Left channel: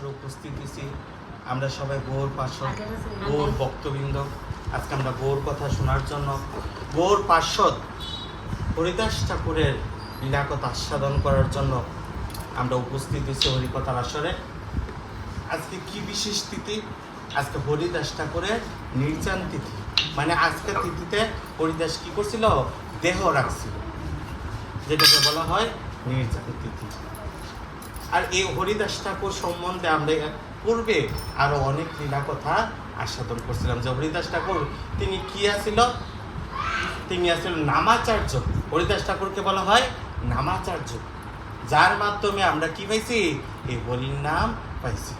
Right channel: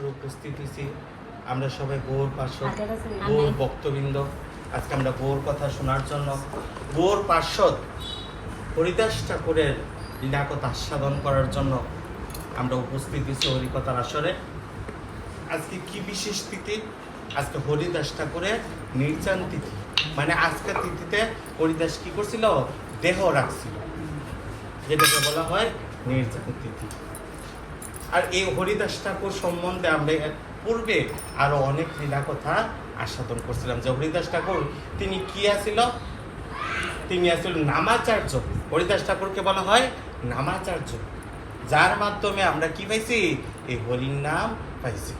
উপস্থিত হয়েছি। আমরা সবাই গৌর পার্শ্বদ গৌর ভক্তবৃন্দ। আজকে আমরা গৌর কথা শোনার জন্য গৌর পার্শ্বদ হরিদাস ঠাকুরের লীলাকথা আস্বাদন করার জন্য আমরা উপস্থিত হয়েছি হরিকথার আসরে। আজকে কি বিশেষ তিথি? আজকে হরিদাস ঠাকুরের নির্যান তিথি। মানে আজকের তিথিতে হরিদাস কি করছিল? দেহ রাখছিল। যেটাকে বলা হয় নির্যান তিথি। আর এই হরিদাস ঠাকুর সম্বন্ধে আমরা পূর্বে আরও অনেক লীলা কথা আস্বাদন করছিলাম। যে হরিদাস ঠাকুর তিনি কি আছিল? তিনি আসলে নামাচার্য। হরিদাস ঠাকুরকে বলা হয় নামাচার্য। যার মাধ্যমে আমরা কি পাইছি? এই হরির নাম পাইছি।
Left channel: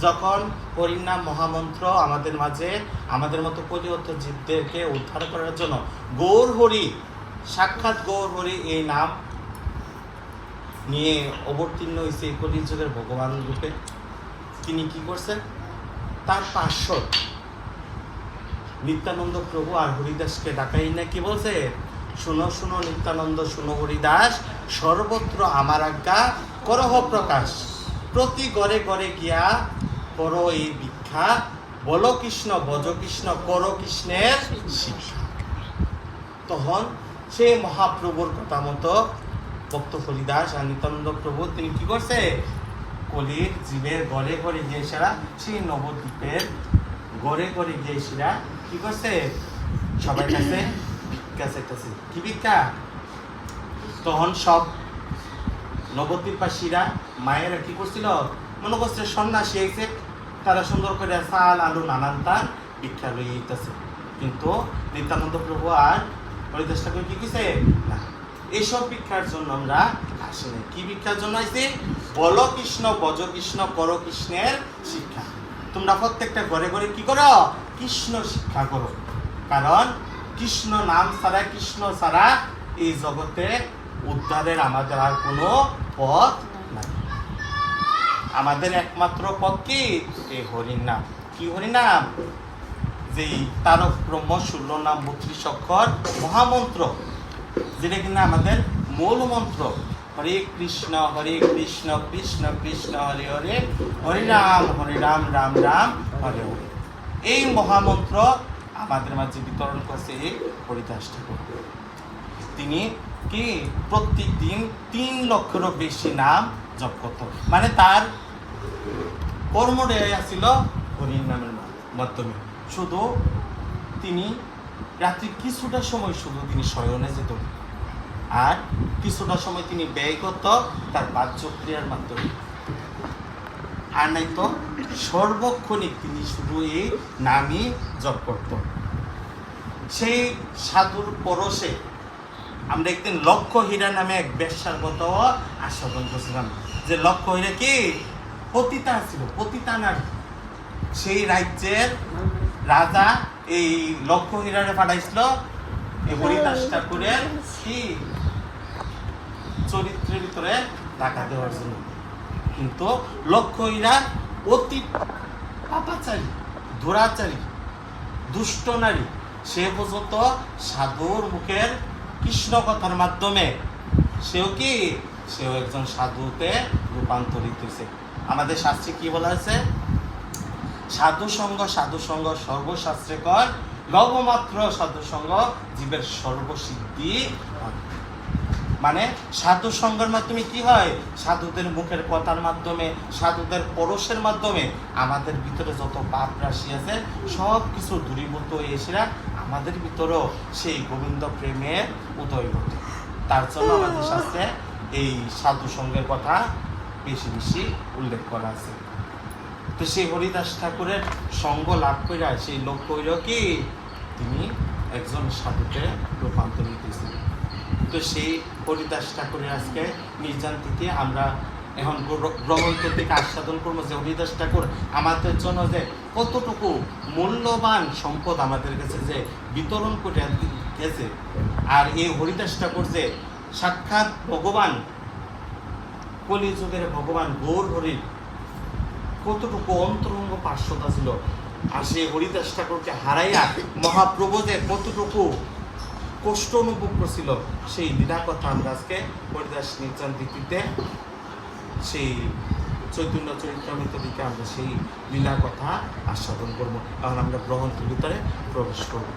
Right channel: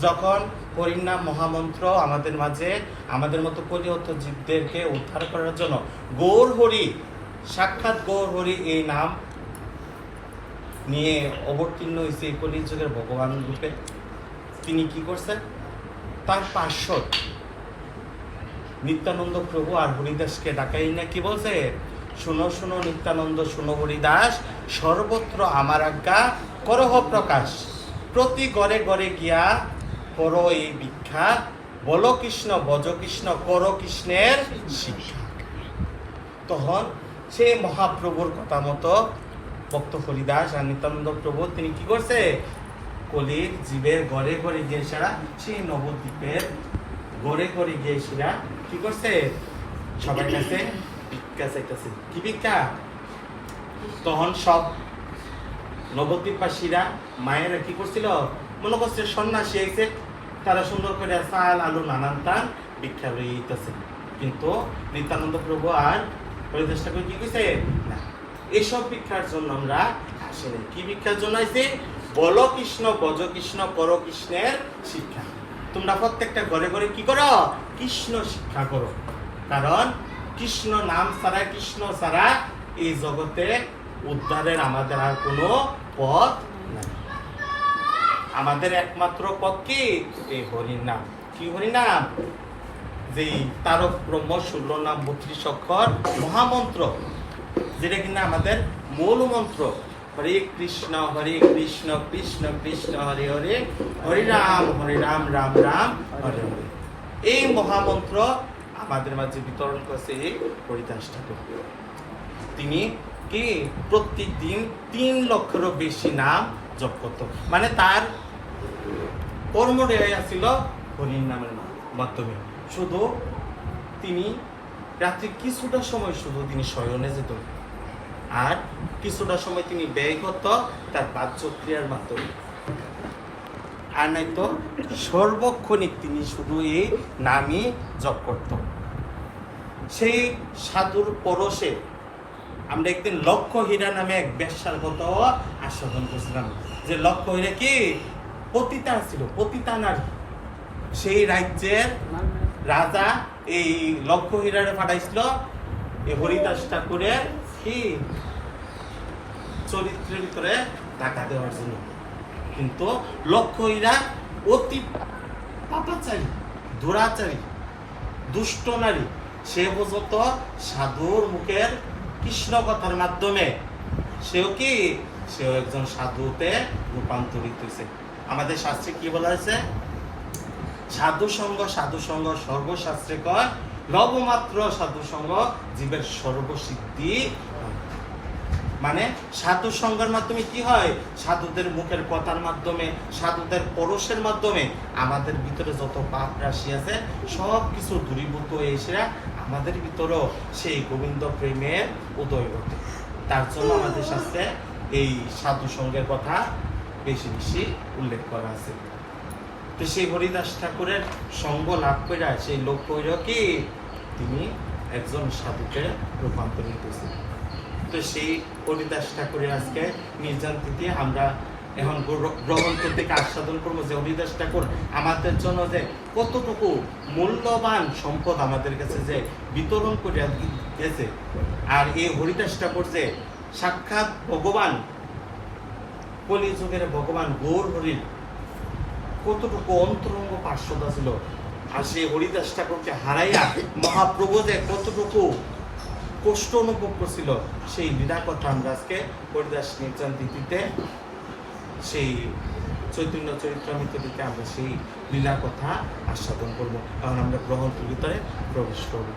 যখন হরির নাম মহামন্ত্র আমাদের মাঝে, আমাদের মতো কলিয়ত জীবদেরকে উদ্ধার করার জন্য গৌর হরি, সাক্ষাৎ গৌর হরি এই নাম নিয়ে অবতীর্ণ হয়েছে এই কলিযুগের ভগবান রূপে। তিনি কি করছেন? তার পার্শ্বদ নিত্যানন্দ প্রভু আর হরিদাসকে ডাকাই না। কি বলছে? শুনো শুনো, নিত্যানন্দ, শুনো হরিদাস, সর্বত্র আমার আজ্ঞা, করহ প্রকাশ। প্রতি গড়ে গড়ে গিয়া কর এই ভিক্ষা। বল কৃষ্ণ, বজ কৃষ্ণ, কর কৃষ্ণের শিক্ষা। তখন সে মহাপ্রভুর কথা মতো ভক্ত হরিদাস আর নিত্যানন্দ প্রভু তিনি কি করছে? কলির জীবের গড়ে গড়ে গিয়ে সেরা সেই নবদ্বীপের গড়ে গড়ে গিয়ে সেরা কি করছে? সবাই কাছে ভিক্ষা চাইতেছে। কি ভিক্ষা? তখন সব নবদ্বীপবাসীরা মায়েরা কি করছিল? মনে করছে সন্ন্যাসী এসে তারা সুন্দর করে চাল, আলু, নানান তার ভিক্ষা লইতেছে কিন্তু নিত্যানন্দ প্রভু আর হরিদাস ঠাকুর কি কইছে না এইসব ভিক্ষার জন্য আমরা আসলে কি ভিক্ষার জন্য আইছি বল কৃষ্ণ, বজ কৃষ্ণ, কর কৃষ্ণের শিক্ষা। তোমরা প্রত্যেকটা ঘরে ঘরে কি করো? কৃষ্ণ শিক্ষা করো। কারণ কৃষ্ণ নাম ছাড়া, কৃষ্ণ ছাড়া এই জগতে উদ্ধারের আমাদের আর কোনো পথ আমাদের একমাত্র পথ কি? এই হরির নাম। কি হরির নাম? যে তারক ব্রহ্ম শূন্য নাম বত্রিশ অক্ষর মহামন্ত্র। যেটা কিনা আমাদের মূল মন্ত্র হরে কৃষ্ণ হরে কৃষ্ণ কৃষ্ণ কৃষ্ণ, হরে হরে হরে রাম হরে রাম রাম রাম, হরে হরে। এই মহামন্ত্র আমাদের মাঝে বিতরণ করছে এই হরিদাস ঠাকুর। তিনি কি প্রত্যেক দিন তিন লক্ষেরও বেশি নাম জপ করত। মানে তার কর্মডেয়া ছিল হরির নামের মাধ্যমে। শুধু তিনি রাত্রি কিছুটা সময় শুধু তিনি শয়নে যেত। আর কিছুটা সময় তিনি ব্যয় করত তার বাহ্যক্রিয়ার মাধ্যমে। আর নাই তো, সর্বক্ষণিক তিনি শুধু এই নামই জপ করত। সেই সাধুর পরশে আমরা একদিন লক্ষ্য হীরা নামে এক ব্যবসার কথা আস্বাদন করছিলাম। যে লক্ষ্য হীরা কি? পতিতা ছিল, পতিতা নারী। সেই রাজ্যের রাজা এই লক্ষ্য হীরারে পাঠাইছিল, এই হরিদাস ঠাকুরের কি চরিত্রের করে টাকা দেওয়ার জন্য। কিন্তু লক্ষ্য হীরা অতি পাপাচারী, দুরাচারী, দুষ্ট নারী, সে পর্যন্ত সাধুর মুখের কৃষ্ণ কথার মাধ্যমে সেও কি? সেও একজন সাধুতে রূপান্তরিত হয়েছে আমাদের শাস্ত্রে কি বলা আছে সাধু সঙ্গ সাধু সঙ্গ সর্বশাস্ত্রে কর লবমাত্র সাধু সঙ্গ জীবের সর্বসিদ্ধি মানে সাধু সঙ্গের মাধ্যমে কি হয়? সাধুদের মুখের কথার মাধ্যমে, সাধুদের পরশের মাধ্যমে আমাদের ভিতরে যত পাপ রাশি আছে সব কিছু দূরীভূত হয়ে এসে আমাদের ভিতরেও সেই গোবিন্দ প্রেমের উদয় ঘটে। তার জন্য আমাদের শাস্ত্রে এই সাধু সঙ্গের কথা বেশি বেশি উল্লেখ করা আছে। তো সেই হরিদাস ঠাকুরের সঙ্গ লাভ করে সেই লোক কইল কি? তিনি একজন সাধুতে রূপান্তরিত হয়েছে তো সেই হরিদাস ঠাকুরের আজকে নির্যান তিথি, আমরা এখন গ্রহণ করতে আস্বাদন করব যে হরিদাস ঠাকুর আমাদের জন্য যে কতটুকু মূল্যবান সম্পদ আমাদের কাছে যে বিতরণ করে গেছে আর এই হরিদাস ঠাকুর যে সাক্ষাৎ ভগবান, কলিযুগের ভগবান গৌর হরির কতটুকু অন্তরঙ্গ পার্শ্বতা ছিল? আর সেই হরিদাস ঠাকুরকে হারাইয়া মহাপ্রভু যে কতটুকু কষ্ট অনুভব করছিল, সেই লীলা কথা আমরা আজকে হরিদাস নির্যান দিতিতে, সেই চৈতন্য চরিত্রামৃত দিকে আমরা সেই লীলার কথা আস্বাদন করব। কারণ আমরা গ্রহণের ভিতরে প্রবেশ করব।